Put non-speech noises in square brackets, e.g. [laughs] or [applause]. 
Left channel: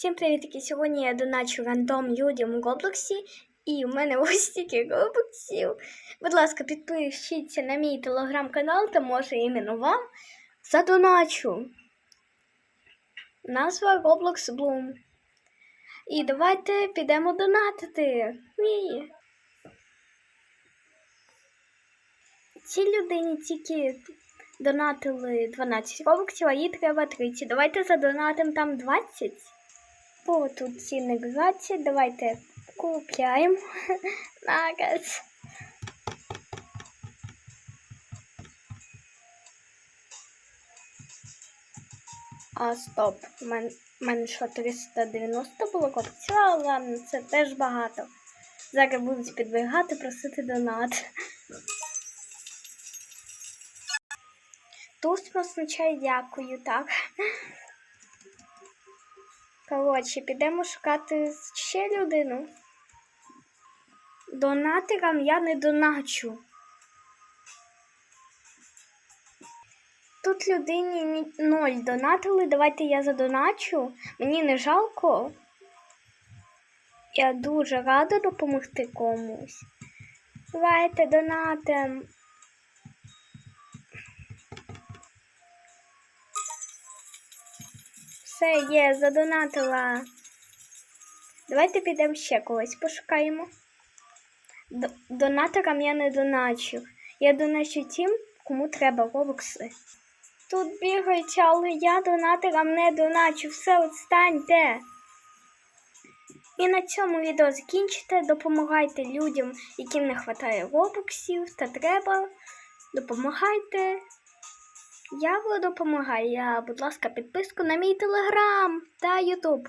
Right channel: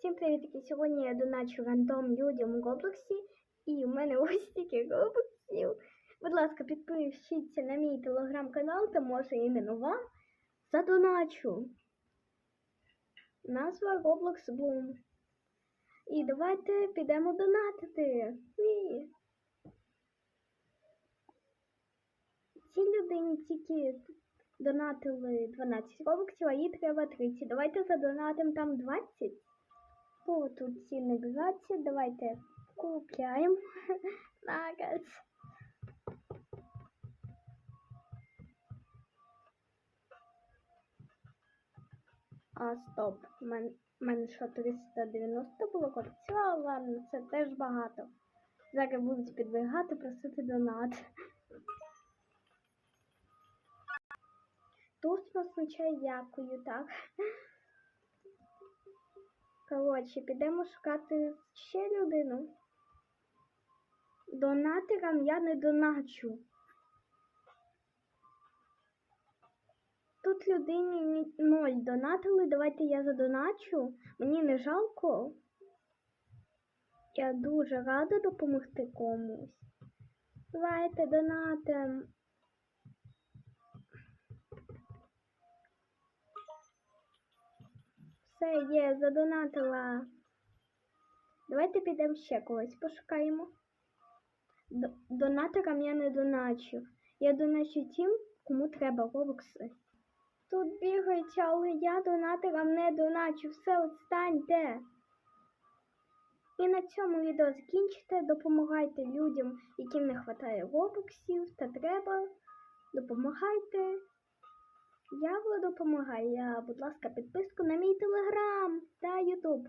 Всім привітки! Сьогодні я доначу рандом людям у Роблоксі, і у мене [laughs] ось стільки робоксів. Будь ласка, підпишіться на мій телеграм-канал, та може іменно вам задоначу. Назва Roblox Bloom. І давайте підемо донатити. Мій. Цій людині тільки донатили 12 робоксів, а їй треба 30. Давайте задонатимо там 20. О, тут цінник 20. Давайте купляємо. [laughs] Наказ. А, стоп. У мене що 390 було копців, а ладно, це теж багато. Зараз будуть підбігати, просити донат. Тут означає дякую, так. Коротше, підемо шукати ще людину. Донатерам я не доначу. Тут людині ноль донатили. Давайте я задоначу. Мені не жалко. Я дуже рада допомогти комусь. Давайте донатим. Все, є, задонатила. Давайте підемо ще когось пошукаємо. Донаторам я не доначу. Я доначу тим, кому треба робокси. Тут бігають, але я донаторам не доначу. Все, відстаньте. І на цьому відео закінчите. Допомагайте людям, яким не вистачає робоксів та треба. Допомагайте. Я буду допомагаю. Будь ласка, підписку на мій телеграм та ютуб.